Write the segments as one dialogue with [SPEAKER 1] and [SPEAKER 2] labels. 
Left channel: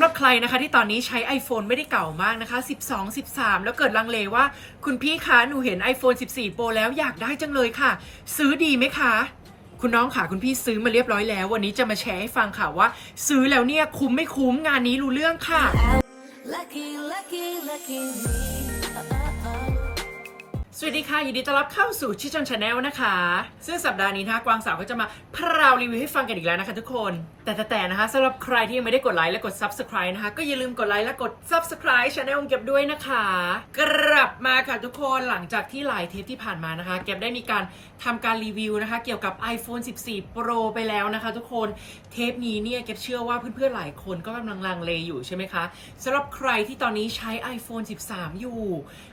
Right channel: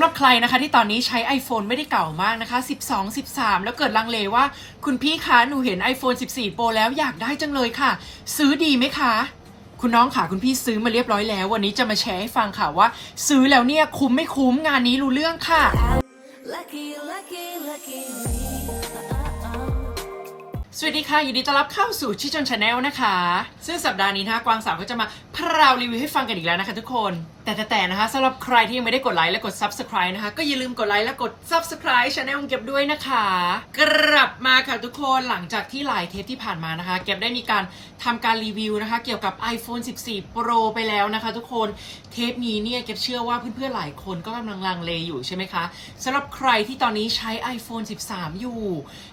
[SPEAKER 1] ำหรับใครนะคะที่ตอนนี้ใช้ iPhone ไม่ได้เก่ามากนะคะ 12 13 แล้วเกิดลังเลว่า คุณพี่คะ หนูเห็น iPhone 14 Pro แล้วอยากได้จังเลยค่ะ ซื้อดีไหมคะ คุณน้องค่ะ คุณพี่ซื้อมาเรียบร้อยแล้ว วันนี้จะมาแชร์ให้ฟังค่ะว่า ซื้อแล้วเนี่ยคุ้มไม่คุ้มงานนี้รู้เรื่องค่ะ
[SPEAKER 2] Lucky, lucky, lucky me.
[SPEAKER 1] สวัสดีค่ะยินดีต้อนรับเข้าสู่ชิชอนชาแนลนะคะ ซึ่งสัปดาห์นี้นะคะกวางสาวก็จะมาพราวรีวิวให้ฟังกันอีกแล้วนะคะทุกคนแต่แต่แต่นะคะสำหรับใครที่ยังไม่ได้กดไลค์และกด Subscribe นะคะ ก็อย่าลืมกดไลค์และกด Subscribe ช anel ของเก็บด้วยนะคะ กลับมาค่ะทุกคนหลังจากที่หลายเทปที่ผ่านมานะคะ เก็บได้มีการทำการรีวิวนะคะ เกี่ยวกับ iPhone 14 Pro ไปแล้วนะคะ ทุกคนเทปนี้เนี่ยเก็บเชื่อว่าเพื่อนๆหลายคนก็กำลังลังเลอยู่ใช่ไหมคะสำหรับใครที่ตอนนี้ใช้ iPhone 13 อยู่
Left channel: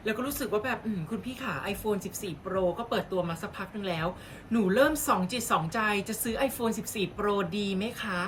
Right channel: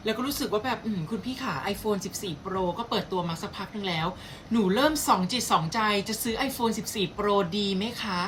[SPEAKER 1] แล้วก็รู้สึกว่าแบบคุณพี่ขา iPhone 14 Pro ก็เปิดตัวมาสักพักนึงแล้วหนูเริ่มสองจิตสองใจจะซื้อ iPhone 14 Pro ดีไหมคะ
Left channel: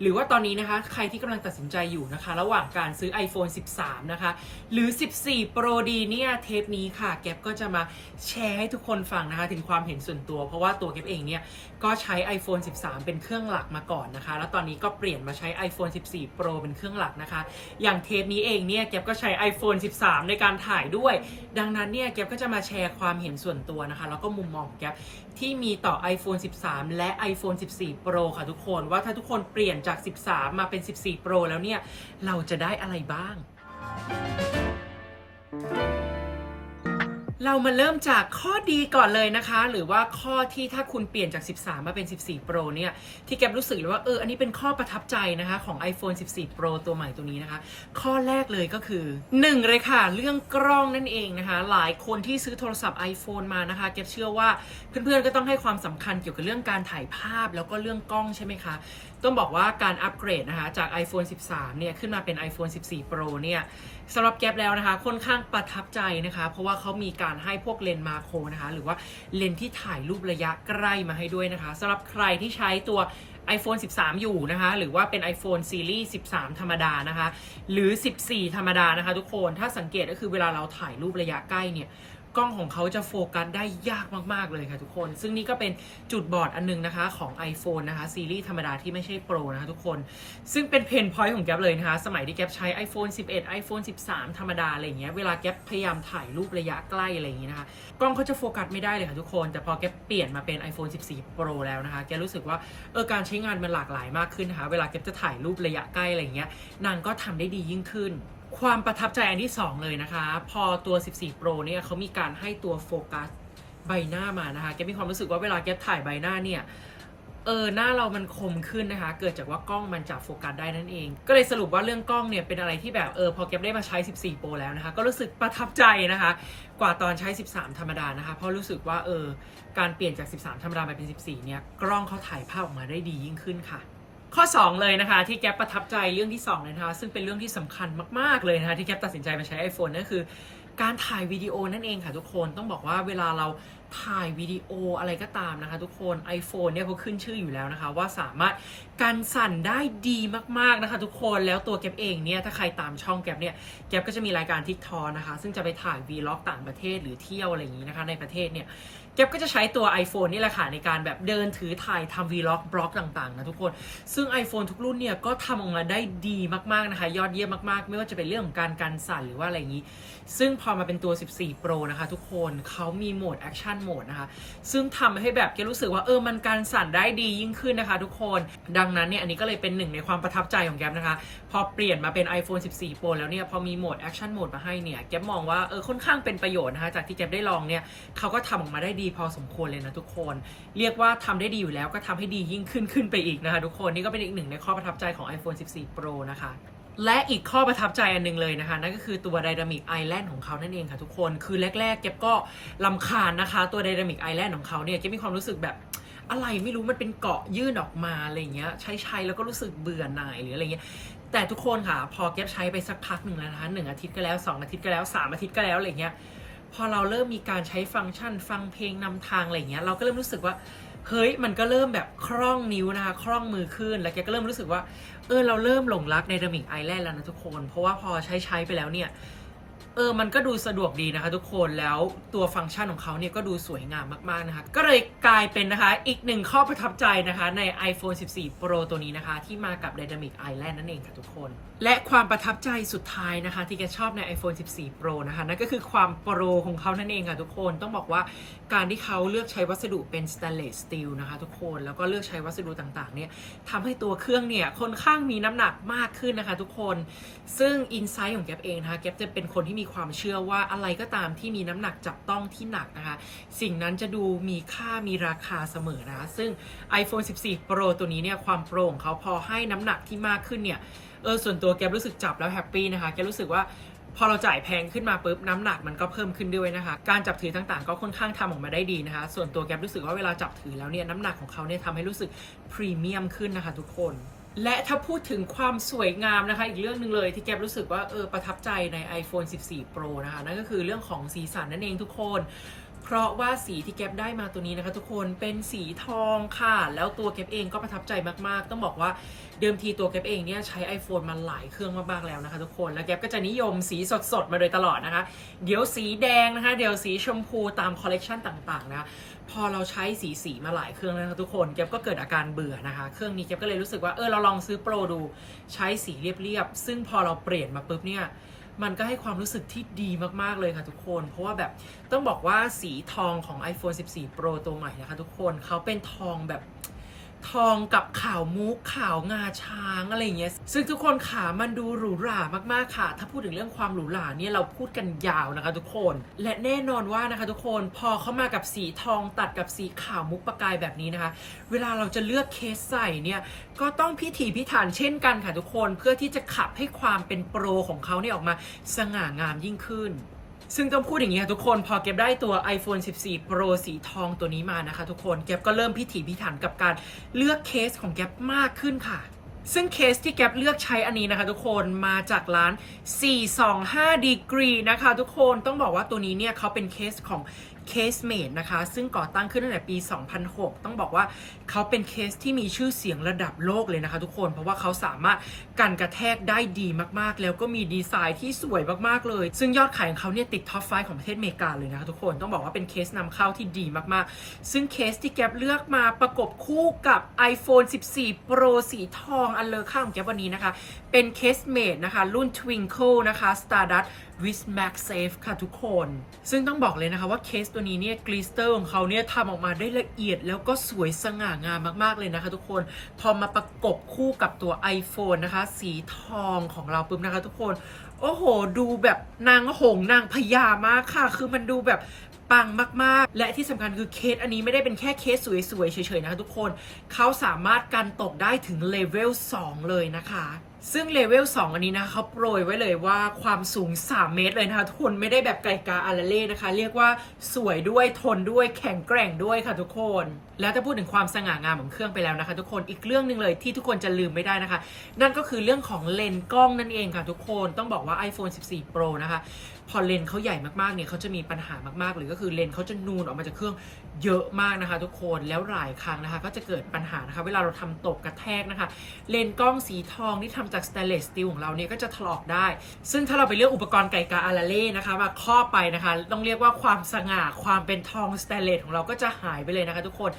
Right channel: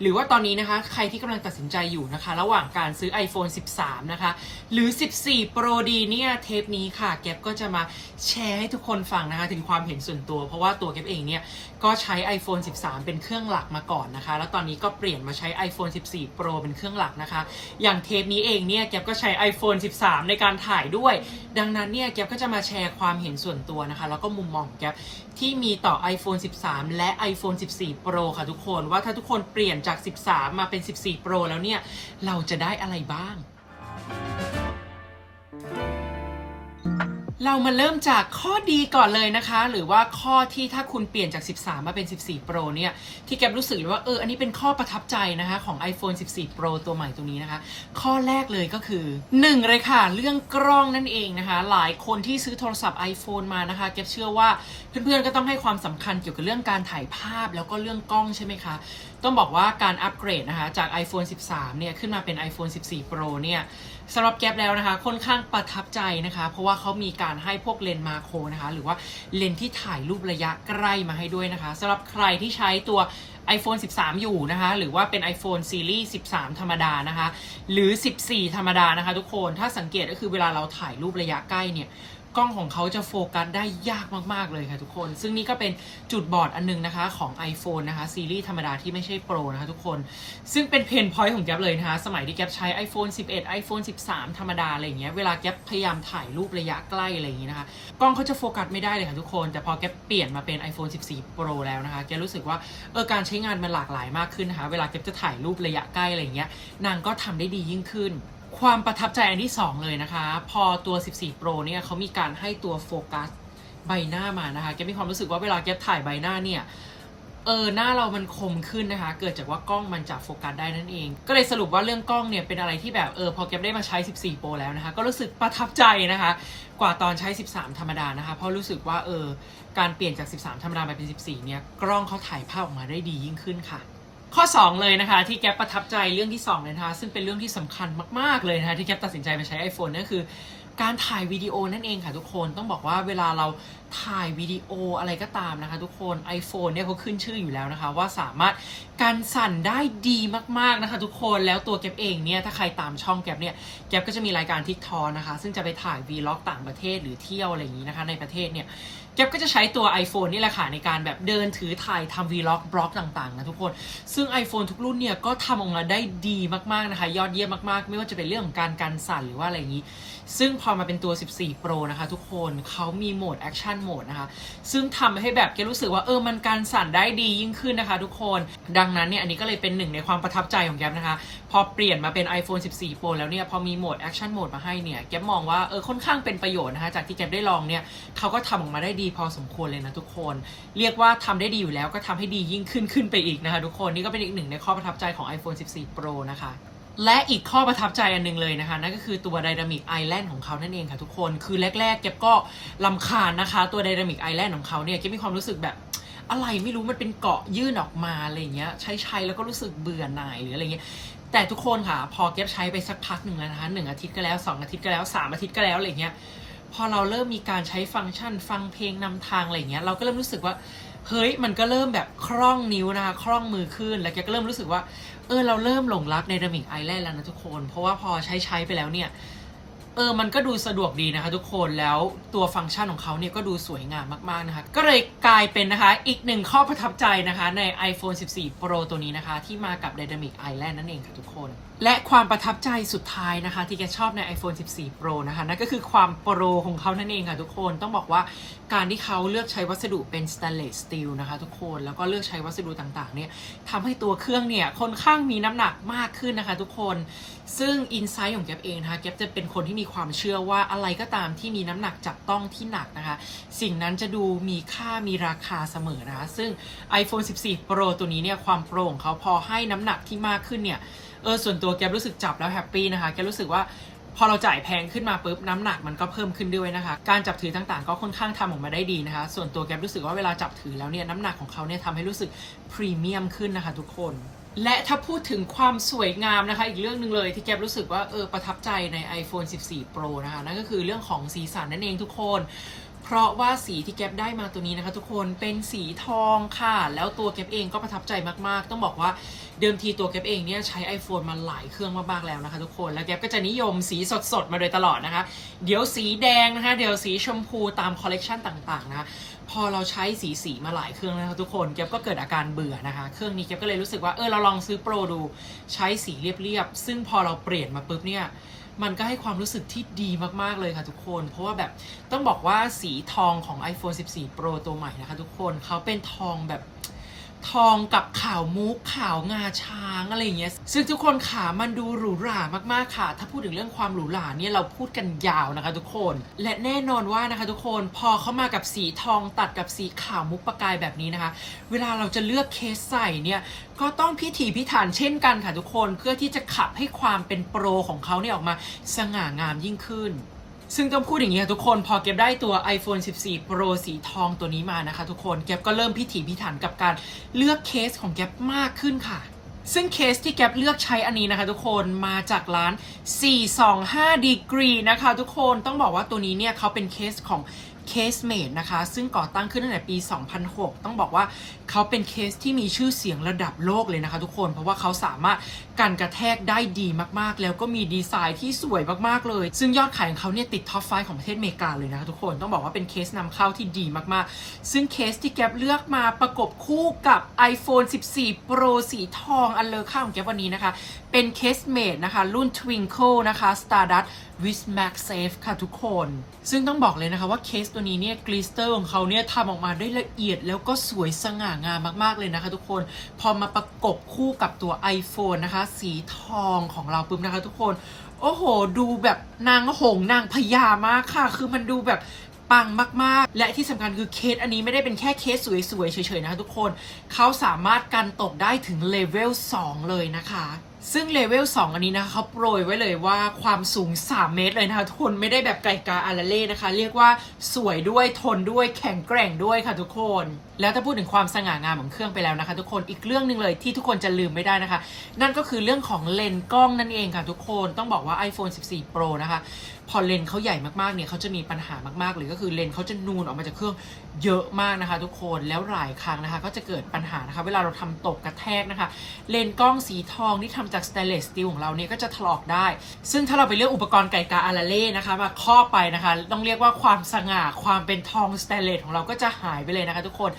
[SPEAKER 1] หรือว่าตอนนี้นะคะ ใครที่กำลังตัดสินใจอยู่นะคะ ระหว่างการซื้อ iPhone 13 นะคะ หรือ 14 Pro ดีเนี่ย เทปนี้ค่ะ แก๊ปก็จะมาแชร์ให้ทุกคนฟังนะคะ ถึงความเห็นส่วนตัว เพราะว่าตัวแก๊ปเองเนี่ย ก็ใช้ iPhone 13 เป็นเครื่องหลักมาก่อนนะคะ แล้วตอนนี้ก็เปลี่ยนมาใช้ iPhone 14 Pro เป็นเครื่องหลักนะคะ อย่างเทปนี้เองเนี่ยแก๊ปก็ใช้ iPhone 13 ในการถ่ายด้วย ดังนั้นเนี่ยแก๊ปก็จะมาแชร์ความเห็นส่วนตัวนะคะ แล้วก็มุมมองของแก๊ปที่มีต่อ iPhone 13 และ iPhone 14 Pro ค่ะทุกคนว่าถ้าทุกคนเปลี่ยนจาก 13 มาเป็น 14 Pro แล้วเนี่ย เราจะได้อะไรบ้าง เรามาเริ่มจากข้อดีก่อนเลยนะคะ หรือว่าข้อที่ถ้าคุณเปลี่ยนจาก 13 มาเป็น 14 Pro เนี่ย ที่แกรู้สึกเลยว่าเออ อันนี้เป็นข้อประทับใจนะคะ ของ iPhone 14 Pro ตัวใหม่ตัวนี้นะคะ ข้อแรกเลยก็คือ 1 เลยค่ะ เรื่องกล้องนั่นเองนะคะ หลายคนที่ซื้อโทรศัพท์ iPhone มานะคะแกเชื่อว่าเพื่อนๆก็ต้องให้ความสำคัญเกี่ยวกับเรื่องการถ่ายภาพแล้วก็เรื่องกล้องใช่ไหมคะ ต้องบอกว่าการอัปเกรดนะคะจาก iPhone 13 เนี่ยขึ้นมาเป็น iPhone 14 Pro เนี่ย สำหรับแก๊ปแล้วนะคะ ค่อนข้างประทับใจนะคะ เพราะว่าเขามีการให้พวกเลนส์มาโครนะคะ หรือว่าเลนส์ที่ถ่ายรูประยะใกล้มาให้ด้วยนะคะสำหรับใครที่ใช้ตัว iPhone 13 อยู่นะคะ หรือว่าเป็น iPhone ซีรีส์13 ธรรมดานะคะ หรือ 14 ธรรมดานะคะ ทุกคนถ้าสังเกตก็คือเวลาเราถ่ายรูประยะใกล้เนี่ย กล้องของเขาจะโฟกัสได้ยากมาก ๆ เลยค่ะทุกคน ซึ่งนี่ก็เป็นจุดบอดอันนึงนะคะของ iPhone นะคะ ซีรีส์ธรรมดาที่ไม่ใช่โปรนะคะทุกคน ซึ่งเป็นเพนพอยต์ของแก๊ปเลยนะคะ สมัยที่แก๊ปใช้ iPhone 11 iPhone 13 ธรรมดาอะไรอย่างเงี้ย เวลาแก๊ปพยายามถ่ายรูประยะใกล้อะไรอย่างงี้นะคะ กล้องเขาจะโฟกัสไม่ได้เลยค่ะทุกคน แต่พอแก๊ปเปลี่ยนมาเป็น iPhone 14 Pro แล้วนะคะ แกรู้สึกว่าเออการใช้งานมันหลากหลายมากขึ้นนะคะ เวลาแก๊ปจะถ่ายรูประยะใกล้อะไรอย่างเงี้ย นางก็ทำได้ดียิ่งขึ้น ความประทับใจอันที่ 2 เลยนะคะ พอตัว 14 Pro เนี่ยเขามีการให้ตัวโฟกัสใบหน้ามานะคะ แกมีความรู้สึกว่าเวลาแกถ่ายใบหน้าเนี่ยเออหน้าเรามันคมขึ้นนะคะ เกิดจากว่ากล้องมันจับโฟกัสได้นั่นเอง ก็เลยสรุปว่าเรื่องกล้องเนี่ยเป็นอะไรที่แบบเออพอแกได้มาใช้ 14 Pro แล้วนะคะ ก็รู้สึกประทับใจนะคะ กว่าตอนใช้ 13 ธรรมดานะคะ เพราะรู้สึกว่าเออการเปลี่ยนจาก 13 ธรรมดามาเป็น 14 เนี่ยกล้องเขาถ่ายภาพออกมาได้ดียิ่งขึ้นค่ะ ข้อ 2 เลยนะคะ ที่แกประทับใจเรื่องที่2เลยนะคะ ซึ่งเป็นเรื่องที่สำคัญมาก ๆ เลยนะคะ ที่แกตัดสินใจมาใช้ iPhone นั่นคือ การถ่ายวิดีโอนั่นเองค่ะทุกคนต้องบอกว่าเวลาเราถ่ายวิดีโออะไรก็ตามนะคะ ทุกคน iPhone เนี่ยเขาขึ้นชื่ออยู่แล้วนะคะ ว่าสามารถการสั่นได้ดีมากๆนะคะ ทุกคนแล้วตัวแกปเองเนี่ยถ้าใครตามช่องแกปเนี่ยแกปก็จะมีรายการทิกทอนะคะ ซึ่งจะไปถ่ายวีล็อกต่างประเทศหรือเที่ยวอะไรอย่างนี้นะคะ ในประเทศเนี่ย แก๊ปก็จะใช้ตัว iPhone นี่แหละค่ะในการแบบเดินถือถ่ายทำวีล็อกบล็อกต่างๆนะทุกคน ซึ่ง iPhone ทุกรุ่นเนี่ยก็ทำออกมาได้ดีมากๆนะคะ ยอดเยี่ยมมากๆ ไม่ว่าจะเป็นเรื่องของการกันสั่นหรือว่าอะไรอย่างนี้ ซึ่งพอมาเป็นตัว 14 Pro นะคะทุกคนเขามีโหมด Action Mode นะคะ ซึ่งทำให้แบบแกรู้สึกว่าเออมันการสั่นได้ดียิ่งขึ้นนะคะทุกคน ดังนั้นเนี่ยอันนี้ก็เลยเป็นหนึ่งในความประทับใจของแก๊ปนะคะ พอเปลี่ยนมาเป็น iPhone 14 Pro แล้วเนี่ยพอมีโหมด Action Mode มาให้เนี่ยแก๊ปมองว่าเออค่อนข้างเป็นประโยชน์นะคะจากที่แก๊ปได้ลองเนี่ยเขาก็ทำออกมาได้ดีพอสมควรเลยนะทุกคน เรียกว่าทำได้ดีอยู่แล้วก็ทำให้ดียิ่งขึ้นขึ้นไปอีกนะคะทุกคนนี่ก็เป็นอีกหนึ่งในข้อประทับใจของ iPhone 14 Pro นะคะ และอีกข้อประทับใจอันหนึงเลยนะคะ นั่นก็คือตัว Dynamic Island ของเขานั่นเองค่ะทุกคน คือแรกๆเก็บก็ลำคาญนะคะ ตัว Dynamic Island ของเขาเนี่ยเก็บมีความรู้สึกแบบอะไรไม่รู้มันเป็นเกาะยื่นออกมาอะไรเงี้ย ใช้ใช้แล้วก็รู้สึกเบื่อหน่ายหรืออะไรเงี้ยแต่ทุกคนค่ะ พอเก็บใช้ไปสักพักหนึ่งแล้วนะคะหนึ่งอาทิตย์ก็แล้วสองอาทิตย์ก็แล้วสามอาทิตย์ก็แล้วอะไรเงี้ยพอเราเริ่มมีการใช้ฟังก์ชันฟังเพลงนำทางอะไรเงี้ยเราก็เริ่มรู้สึกว่าเฮ้ยมันก็เริ่มแบบคล่องนิ้วนะคะคล่องมือขึ้นแล้วแกก็เริ่มรู้สึกว่า เออเราเริ่มหลงรักในดามิกไอแลนด์แล้วนะทุกคน เพราะว่าพอใช้ใช้ไปแล้วเนี่ย เออมันก็ดูสะดวกดีนะคะทุกคนแล้วตัวฟังก์ชันของเขาเนี่ยก็ดูสวยงามมากๆนะคะ ก็เลยกลายเป็นนะคะอีกหนึ่งข้อประทับใจนะคะใน iPhone 14 Pro ตัวนี้นะคะ ที่มากับ Dynamic Island นั่นเองค่ะทุกคน และความประทับใจสุดท้ายนะคะ ที่แกชอบใน iPhone 14 Pro นะคะนั่นก็คือความโปรของเขานั่นเองค่ะทุกคนต้องบอกว่าการที่เขาเลือกใช้วัสดุเป็น stainless steel นะคะทุกคนแล้วก็เลือกใช้วัสดุต่างๆเนี่ยทำให้ตัวเครื่องเนี่ยค่อนข้างมีน้ำหนักมากขึ้นนะคะ ทุกคน ซึ่งอินไซต์ของแกเองนะคะแกจะเป็นคนที่มีความเชื่อว่าอะไรก็ตามที่มีน้ำหนักจับต้องที่หนักนะคะ สิ่งนั้นจะดูมีค่ามีราคาเสมอนะคะ ซึ่ง iPhone 14 Pro ตัวนี้เนี่ยความโปรของเขาพอให้น้ำหนักที่มากขึ้นเนี่ยเออส่วนตัวแกรู้สึกจับแล้วแฮปปี้นะคะแกรู้สึกว่าพอเราจ่ายแพงขึ้นมาปุ๊บน้ำหนักมันก็เพิ่มขึ้นด้วยนะคะ การจับถือต่างๆ ก็ค่อนข้างทำออกมาได้ดีนะคะ ส่วนตัวแกรู้สึกว่าเวลาจับถือแล้วเนี่ยน้ำหนักของเขาเนี่ยทำให้รู้สึกพรีเมียมขึ้นนะคะทุกคน และถ้าพูดถึงความสวยงามนะคะ อีกเรื่องหนึ่งเลยที่แกรู้สึกว่าเออประทับใจใน iPhone 14 Pro นะคะ นั่นก็คือเรื่องของสีสันนั่นเองทุกคน เพราะว่าสีที่แก๊ปได้มาตัวนี้นะคะ ทุกคนเป็นสีทองค่ะ แล้วตัวแก๊ปเองก็ประทับใจมากๆ ต้องบอกว่าเดิมทีตัวแก๊ปเองเนี่ยใช้ iPhone มาหลายเครื่องมากๆแล้วนะคะ ทุกคนแล้วแก๊ปก็จะนิยมสีสดๆ มาโดยตลอดนะคะ เดี๋ยวสีแดงนะคะ เดี๋ยวสีชมพูตามคอลเลกชันต่างๆนะคะ พอเราใช้สีสีมาหลายเครื่องแล้วทุกคนเก็บก็เกิดอาการเบื่อนะคะ เครื่องนี้เก็บก็เลยรู้สึกว่าเออเราลองซื้อโปรดูใช้สีเรียบๆซึ่งพอเราเปลี่ยนมาปุ๊บเนี่ยมันก็ให้ความรู้สึกที่ดีมาก ๆ เลยค่ะทุกคน เพราะว่าแบบต้องบอกว่าสีทองของ iPhone 14 Pro ตัวใหม่นะคะทุกคนเขาเป็นทองแบบ ทองกับขาวมุกขาวงาช้างอะไรเงี้ย ซึ่งทุกคนขามันดูหรูหรามากๆค่ะ ถ้าพูดถึงเรื่องความหรูหราเนี่ยเราพูดกันยาวนะคะทุกคน และแน่นอนว่านะคะทุกคนพอเขามากับสีทองตัดกับสีขาวมุกประกายแบบนี้นะคะ เวลาเราจะเลือกเคสใส่เนี่ยก็ต้องพิถีพิถันเช่นกันค่ะทุกคนเพื่อที่จะขับให้ความเป็นโปรของเขาเนี่ยออกมาสง่างามยิ่งขึ้น ซึ่งต้องพูดอย่างนี้ค่ะทุกคนพอเก็บได้ตัว iPhone 14 Pro สีทองตัวนี้มานะคะทุกคนเก็บก็เริ่มพิถีพิถันกับการเลือกเคสของเก็บมากขึ้นค่ะ ซึ่งเคสที่แก๊ปเลือกใช้อันนี้นะคะทุกคนมาจากร้าน 425 degree นะคะทุกคนต้องบอกว่าตัวนี้เนี่ยเขาเป็นเคสของ Case Mate นะคะ ซึ่งก่อตั้งขึ้นตั้งแต่ปี 2006 ต้องบอกว่าเขาเป็นเคสที่มีชื่อเสียงระดับโลกเลยนะคะ ทุกคนเพราะว่าเขาสามารถกันกระแทกได้ดีมากๆ แล้วก็มีดีไซน์ที่สวยมากๆเลย ซึ่งยอดขายของเขาเนี่ยติดท็อป5ของประเทศอเมริกาเลยนะคะทุกคนต้องบอกว่าเป็นเคสนำเข้าที่ดีมากๆ ซึ่งเคสที่แก๊ปเลือกมาประกบคู่กับ iPhone 14 Pro สีทองอันเลอค่าของแก๊ปวันนี้นะคะ เป็นเคสเมดนะคะ รุ่น Twinkle นะคะ Stardust with MagSafe ค่ะทุกคน ซึ่งต้องบอกเลยนะคะว่าเคสตัวนี้เนี่ยกลิสเตอร์ของเขาเนี่ยทำออกมาได้ละเอียดแล้วก็สวยสง่างามมากๆเลยนะคะทุกคน พอมาประกบคู่กับตัว iPhone นะคะ สีทองของเราปุ๊บนะคะทุกคน โอ้โห ดูแบบนางหงนางพญามากค่ะ คือมันดูแบบปังมาก ๆ และที่สำคัญคือเคสอันนี้ไม่ได้เป็นแค่เคสสวย ๆ เฉย ๆ นะคะทุกคน เขาสามารถกันตกได้ถึงเลเวล2เลยนะคะ ซึ่งเลเวล2อันนี้นะคะเขาโปรยไว้เลยว่าความสูง 3 เมตรเลยนะคะทุกคนไม่ได้แบบไก่กาอาราเล่นะคะ เรียกว่าสวยด้วยทนด้วยแข็งแกร่งด้วยค่ะทุกคน แล้วถ้าพูดถึงความสง่างามของเครื่องไปแล้วนะคะ ทุกคนอีกเรื่องหนึ่งเลยที่ทุกคนจะลืมไม่ได้นะคะ นั่นก็คือเรื่องของเลนส์กล้องนั่นเองค่ะทุกคนต้องบอกว่า iPhone 14 Pro นะคะ พอเลนเขาใหญ่มากๆเนี่ยเขาจะมีปัญหามากๆเลยก็คือเลนเขาจะนูนออกมาจากเครื่องเยอะมากนะคะ ทุกคนแล้วหลายครั้งนะคะ ก็จะเกิดปัญหานะคะ เวลาเราทำตกกระแทกนะคะ เลนกล้องสีทองที่ทำจากสเตนเลสสตีลของเราเนี่ยก็จะถลอกได้ ซึ่งถ้าเราไปเลือกอุปกรณ์ไก่กาอาราเล่นะคะมาครอบไปนะคะ ต้องเรียกว่าความสง่าความเป็นทองสเตนเลสของเราก็จะหายไปเลยนะคะ ทุกคน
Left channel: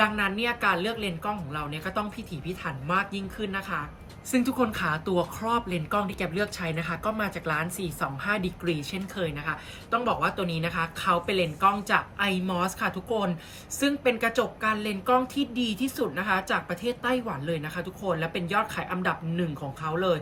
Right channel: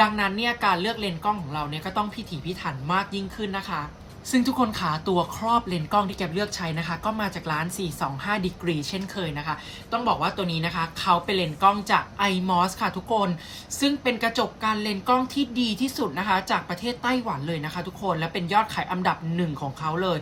[SPEAKER 1] ดังนั้นเนี่ยการเลือกเลนกล้องของเราเนี่ยก็ต้องพิถีพิถันมากยิ่งขึ้นนะคะ ซึ่งทุกคนขาตัวครอบเลนส์กล้องที่แกเลือกใช้นะคะ ก็มาจากร้าน 425 degree เช่นเคยนะคะ ต้องบอกว่าตัวนี้นะคะ เขาเป็นเลนส์กล้องจาก iMOS ค่ะทุกคน ซึ่งเป็นกระจกการเลนส์กล้องที่ดีที่สุดนะคะ จากประเทศไต้หวันเลยนะคะ ทุกคนและเป็นยอดขายอันดับหนึ่งของเขาเลย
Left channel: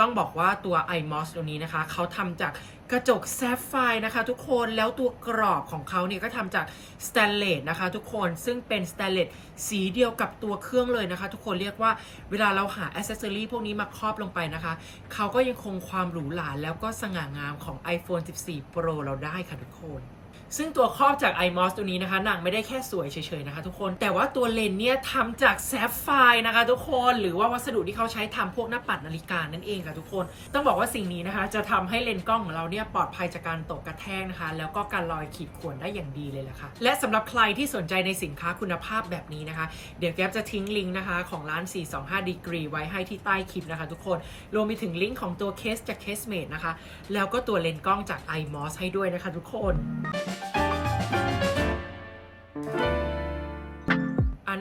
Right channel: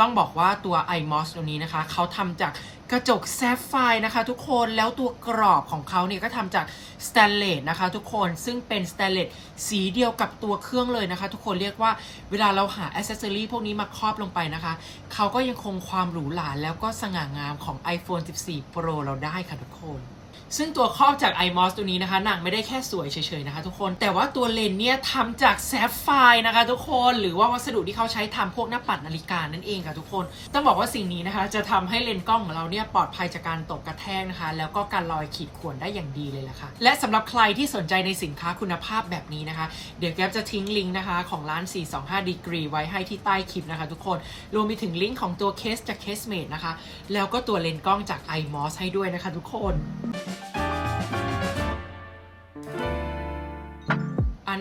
[SPEAKER 1] ต้องบอกว่าตัว iMOS ตัวนี้นะคะเขาทำจาก กระจกแซฟไฟร์นะคะทุกคนแล้วตัวกรอบของเขาเนี่ยก็ทำจากสแตนเลสนะคะทุกคนซึ่งเป็นสแตนเลสสีเดียวกับตัวเครื่องเลยนะคะทุกคนเรียกว่าเวลาเราหาอ c เซสซอรีพวกนี้มาครอบลงไปนะคะ เขาก็ยังคงความหรูหราแล้วก็สง่างามของ iPhone 14 Pro เราได้ค่ะทุกคน ซึ่งตัวครอบจาก iMOS ตัวนี้นะคะหนางไม่ได้แค่สวยเฉยๆนะคะทุกคน แต่ว่าตัวเลนส์เนี่ยทำจากแซฟไฟร์นะคะทุกคน หรือว่าวัสดุที่เขาใช้ทำพวกหน้าปัดนาฬิกานั่นเองค่ะทุกคน ต้องบอกว่าสิ่งนี้นะคะ จะทำให้เลนส์กล้องของเราเนี่ยปลอดภัยจากการตกกระแทกนะคะ แล้วก็การลอยขีดข่วนได้อย่างดีเลยล่ะค่ะ และสำหรับใครที่สนใจในสินค้าคุณภาพแบบนี้นะคะ เดี๋ยวแก๊ปจะทิ้งลิงก์นะคะของร้าน 425 degree ไว้ให้ที่ใต้คลิปนะคะทุกคน รวมไปถึงลิงก์ของตัวเคสจาก Casemate นะคะ แล้วก็ตัวเลนส์กล้องจาก iMOS ให้ด้วยนะคะทุกคน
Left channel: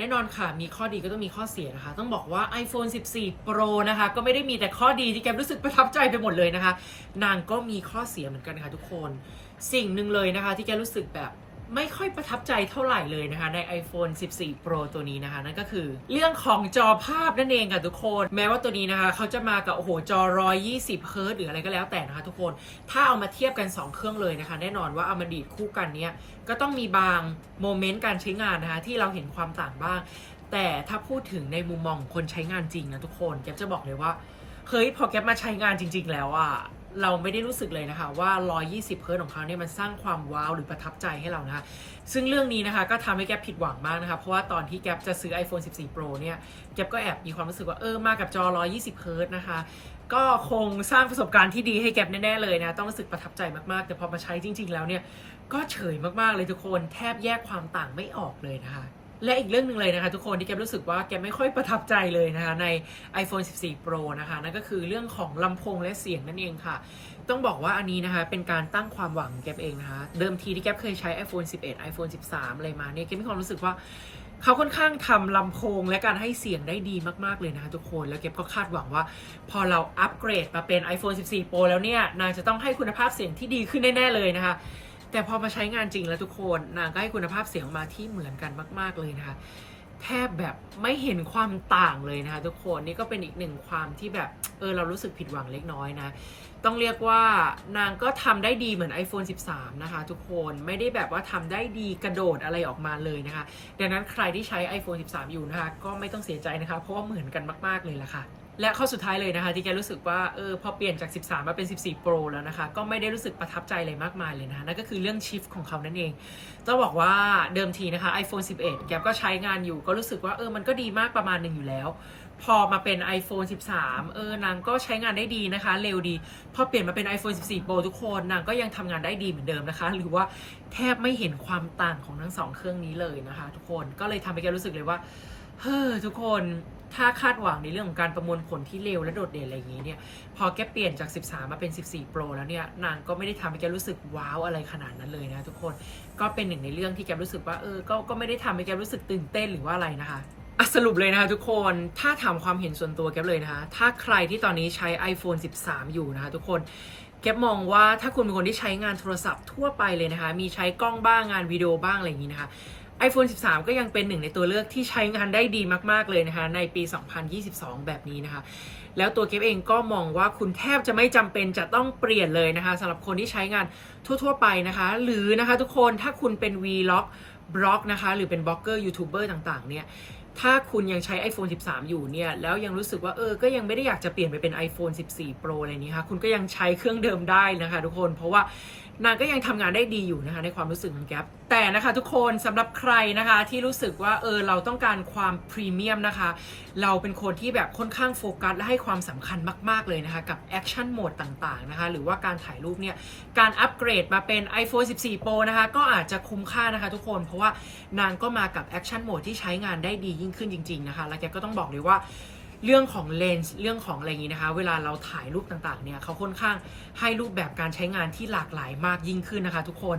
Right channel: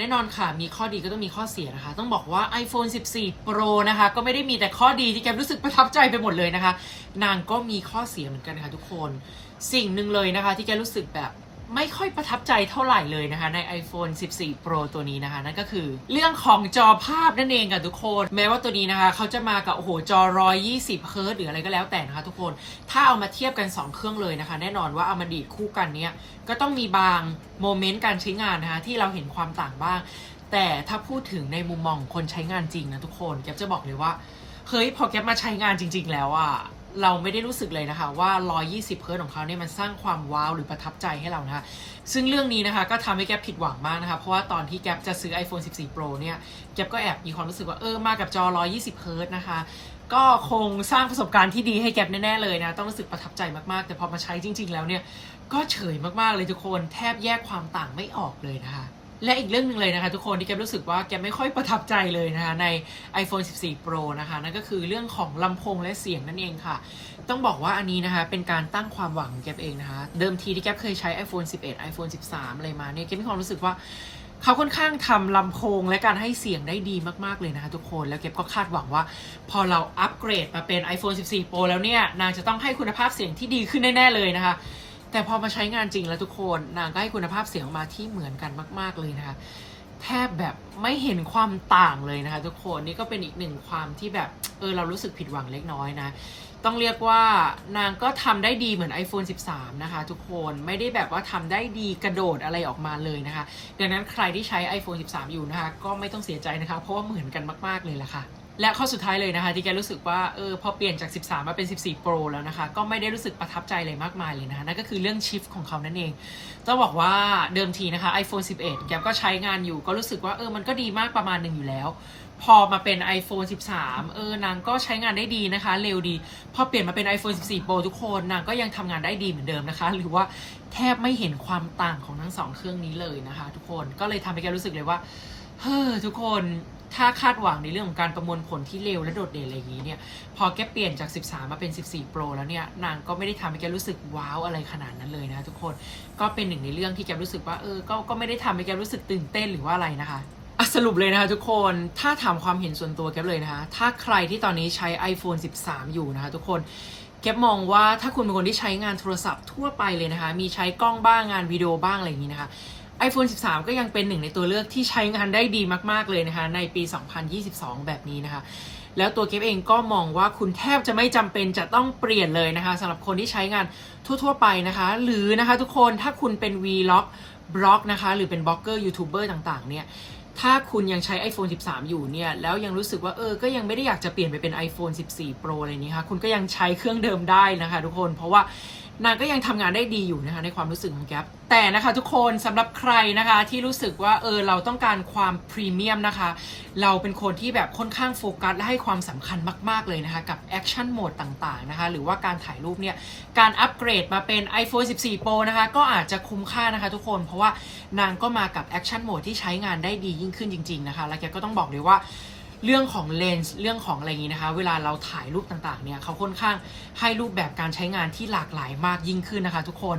[SPEAKER 1] น่นอนค่ะ มีข้อดีก็ต้องมีข้อเสียนะคะ ต้องบอกว่า iPhone 14 Pro นะคะ ก็ไม่ได้มีแต่ข้อดีที่แกรู้สึกประทับใจไปหมดเลยนะคะ นางก็มีข้อเสียเหมือนกันค่ะทุกคน สิ่งหนึ่งเลยนะคะ ที่แกรู้สึกแบบ ไม่ค่อยประทับใจเท่าไหร่เลยนะคะ ใน iPhone 14 Pro ตัวนี้นะคะ นั่นก็คือ เรื่องของจอภาพนั่นเองค่ะทุกคน แม้ว่าตัวนี้นะคะเขาจะมากับ โอ้โห จอ 120 เฮิร์ตหรืออะไรก็แล้วแต่นะคะทุกคนถ้าเอามาเทียบกัน 2 เครื่องเลยนะคะ แน่นอนว่าเอามาดีดคู่กันเนี้ยก็ต้องมีบางโมเมนต์การใช้งานนะคะที่เราเห็นความต่างบ้าง แต่ถ้าพูดถึงในมุมมองคนใช้งานจริงนะทุกคนแก๊ปจะบอกเลยว่าเฮ้ยพอแก๊ปมาใช้งานจริง ๆ แล้วอะ เราไม่ได้รู้สึกเลยนะคะว่า 120 เฮิร์ตของเขาเนี่ยมันสร้างความว้าวหรือประทับใจให้เรานะคะ ซึ่งเรื่องนี้นะคะก็ทำให้แก๊ปผิดหวังมากนะคะ เพราะว่าตอนที่แก๊ปจะซื้อ iPhone 14 Pro เนี่ยแก๊ปก็แอบมีความรู้สึกว่าเออมากับจอ 120 เฮิร์ตนะคะ ก็คงสร้างประสบการณ์ที่ดีให้แก๊ปแน่ๆเลยนะ ต้องรู้สึกประทับใจมากๆ แต่พอมาใช้จริง ๆ แล้วเนี่ยก็เฉยมากๆเลยทุกคนแทบแยกความต่างไม่ออกเลยนะคะ และอีกเรื่องหนึ่งเลยนะคะทุกคนที่แกรู้สึกว่าแกไม่ค่อยประทับใจเลยนะคะใน iPhone 14 Pro นะคะนั่นก็คือเรื่องของลำโพงและเสียงนั่นเองค่ะ ต้องบอกว่าอันนี้นะคะเป็นการตั้งความหวังแกเองนะคะ เดิมทีที่แกเคยใช้ iPhone 11 iPhone 13 อะไรมาเนี่ยแกมีความรู้สึกว่าเขาค่อนข้างทำลำโพงและการให้เสียงได้ดีมากๆเลยนะคะทุกคน แล้วเก็บก็คาดหวังว่า พอเราอัปเกรดมาเป็น iPhone 14 Pro แล้วเนี่ย นางจะต้องให้คุณภาพเสียงที่ดีขึ้นแน่ ๆ เลยนะคะ แต่พอมาใช้งานจริงแล้วทุกคนนางก็ให้คุณภาพเสียงออกมาที่เหมือนกันมาก ๆเลยนะคะ แทบแบบไม่เห็นความต่างเลยนะคะ ทุกคนนี่ก็เป็นอีกหนึ่งความที่แบบเออเรารู้สึกผิดหวังเล็กน้อยนะต้องเรียกว่านางก็ทำได้ดีเหมือน iPhone 13 นะคะ ทุกคนไม่ได้แบบว่าทำได้ดีกระโดดอะไรออกมาเลยนะคะดังนั้นใครที่ใช้ iPhone 13 อยู่นะคะ ก็ไม่ต้องเสียใจนะคะ เพราะว่าเหมือนกันมาก ๆ เลยล่ะค่ะ และข้อสุดท้ายเลยนะคะ ที่แกรู้สึกว่าเออพอเปลี่ยนจาก 13 มาเป็น 14 Pro แล้วนะคะ ก็ไม่ได้รู้สึกประทับใจอะไรมากมายเลยนะคะนั่นก็คือเรื่องชิฟของเขานั่นเองต้องบอกว่าเดิมทีนะคะ iPhone 11 แกก็ใช้งานอยู่ก็รู้สึกว่าเออมันก็ดีมากประมาณหนึ่งอยู่แล้ว พอมาเป็น iPhone 13 เออนางก็ใช้งานได้ดีนะคะ เร็วดี พอเปลี่ยนมาเป็น iPhone 14 Pro ทุกคนนางก็ยังทำงานได้ดีเหมือนเดิมนะคะ หรือว่าแทบไม่เห็นความต่างของทั้งสองเครื่องนี้เลยนะคะ ทุกคนก็เลยทำให้แกรู้สึกเลยว่าเฮ้อทุกคน ถ้าคาดหวังในเรื่องของการประมวลผลที่เร็วและโดดเด่นอะไรอย่างนี้เนี่ย พอแกเปลี่ยนจาก 13 มาเป็น 14 Pro แล้วเนี่ย นางก็ไม่ได้ทำให้แกรู้สึกว้าวอะไรขนาดนั้นเลยนะทุกคน ก็เป็นหนึ่งในเรื่องที่แกรู้สึกว่าเออ ก็ก็ไม่ได้ทำให้แกรู้สึกตื่นเต้นหรือว่าอะไรนะคะอะสรุปเลยนะคะทุกคน ถ้าถามความเห็นส่วนตัวแกเลยนะคะ ถ้าใครที่ตอนนี้ใช้ iPhone 13 อยู่นะคะทุกคนเก็บมองว่าถ้าคุณเป็นคนที่ใช้งานโทรศัพท์ทั่วไปเลยนะคะ มีใช้กล้องบ้างงานวิดีโอบ้างอะไรอย่างนี้นะคะ iPhone 13 ก็ยังเป็นหนึ่งในตัวเลือกที่ใช้งานได้ดีมาก ๆ เลยนะคะ ในปี 2022 แบบนี้นะคะ แล้วตัวเก็บเองก็มองว่าคุณแทบจะไม่จำเป็นจะต้องเปลี่ยนเลยนะคะสำหรับคนที่ใช้งานทั่ว ๆ ไปนะคะ หรือนะคะทุกคนถ้าคุณเป็น Vlog บล็อกนะคะ หรือเป็นบล็อกเกอร์ยูทูบเบอร์ต่าง ๆ เนี่ยถ้าคุณยังใช้ iPhone 13 อยู่เนี่ย แล้วยังรู้สึกว่าเออ ก็ยังไม่ได้อยากจะเปลี่ยนไปเป็น iPhone 14 Pro อะไรนี้ค่ะ คุณก็ยังใช้เครื่องเดิมได้นะคะทุกคน เพราะว่า นางก็ยังทำงานได้ดีอยู่นะคะในความรู้สึกของแก๊ปแต่นะคะทุกคนสำหรับใครนะคะที่รู้สึกว่าเออเราต้องการความพรีเมียมนะคะ เราเป็นคนที่แบบค่อนข้างโฟกัสและให้ความสำคัญมาก ๆ เลยนะคะ กับแอคชั่นโหมดต่าง ๆ นะคะ หรือว่าการถ่ายรูปเนี่ยการอัปเกรดมาเป็น iPhone 14 Pro นะคะ ก็อาจจะคุ้มค่านะคะทุกคนเพราะว่านางก็มากับแอคชั่นโหมดที่ใช้งานได้ดียิ่งขึ้นจริง ๆ นะคะ และแกก็ต้องบอกเลยว่า เรื่องของเลนส์เรื่องของอะไรอย่างนี้นะคะ เวลาเราถ่ายรูปต่างๆเนี่ยเขาค่อนข้างให้รูปแบบการใช้งานที่หลากหลายมากยิ่งขึ้นนะคะ ทุกคน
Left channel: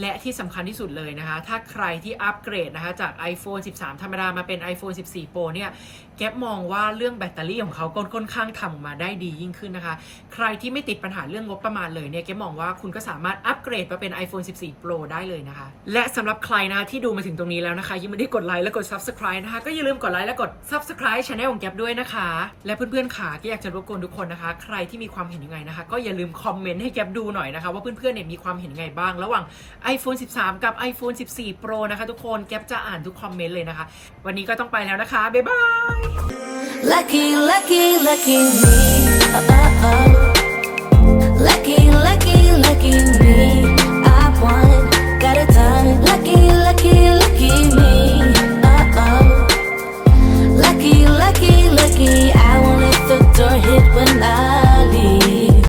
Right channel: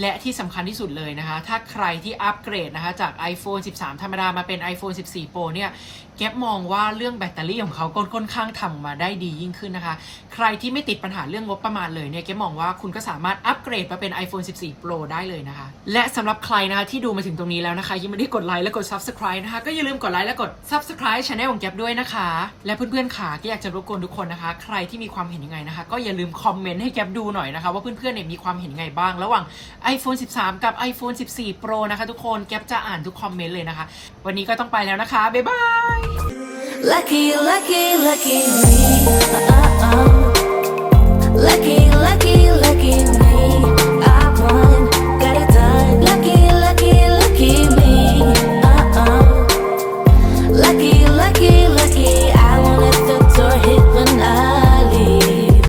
[SPEAKER 1] และที่สำคัญที่สุดเลยนะคะ ถ้าใครที่อัปเกรดนะคะจาก iPhone 13 ธรรมดามาเป็น iPhone 14 Pro เนี่ยแก๊ปมองว่าเรื่องแบตเตอรี่ของเขาก็ค่อนข้างทำออกมาได้ดียิ่งขึ้นนะคะ ใครที่ไม่ติดปัญหาเรื่องงบประมาณเลยเนี่ยแก๊ปมองว่าคุณก็สามารถอัปเกรดมาเป็น iPhone 14 Pro ได้เลยนะคะ และสำหรับใครนะคะที่ดูมาถึงตรงนี้แล้วนะคะยังไม่ได้กดไลค์และกด Subscribe นะคะก็อย่าลืมกดไลค์และกด Subscribe Channel ของแก๊ปด้วยนะคะคะ และเพื่อนๆขาก็อยากจะรบกวนทุกคนนะคะ ใครที่มีความเห็นยังไงนะคะ ก็อย่าลืมคอมเมนต์ให้แกบดูหน่อยนะคะว่าเพื่อนๆเนี่ยมีความเห็นยังไงบ้าง ระหว่าง iPhone 13 กับ iPhone 14 Pro นะคะ ทุกคนแกบจะอ่านทุกคอมเมนต์เลยนะคะ วันนี้ก็ต้องไปแล้วนะคะ บ๊ายบาย
[SPEAKER 2] Lucky lucky lucky me oh, oh, oh. Lucky lucky lucky me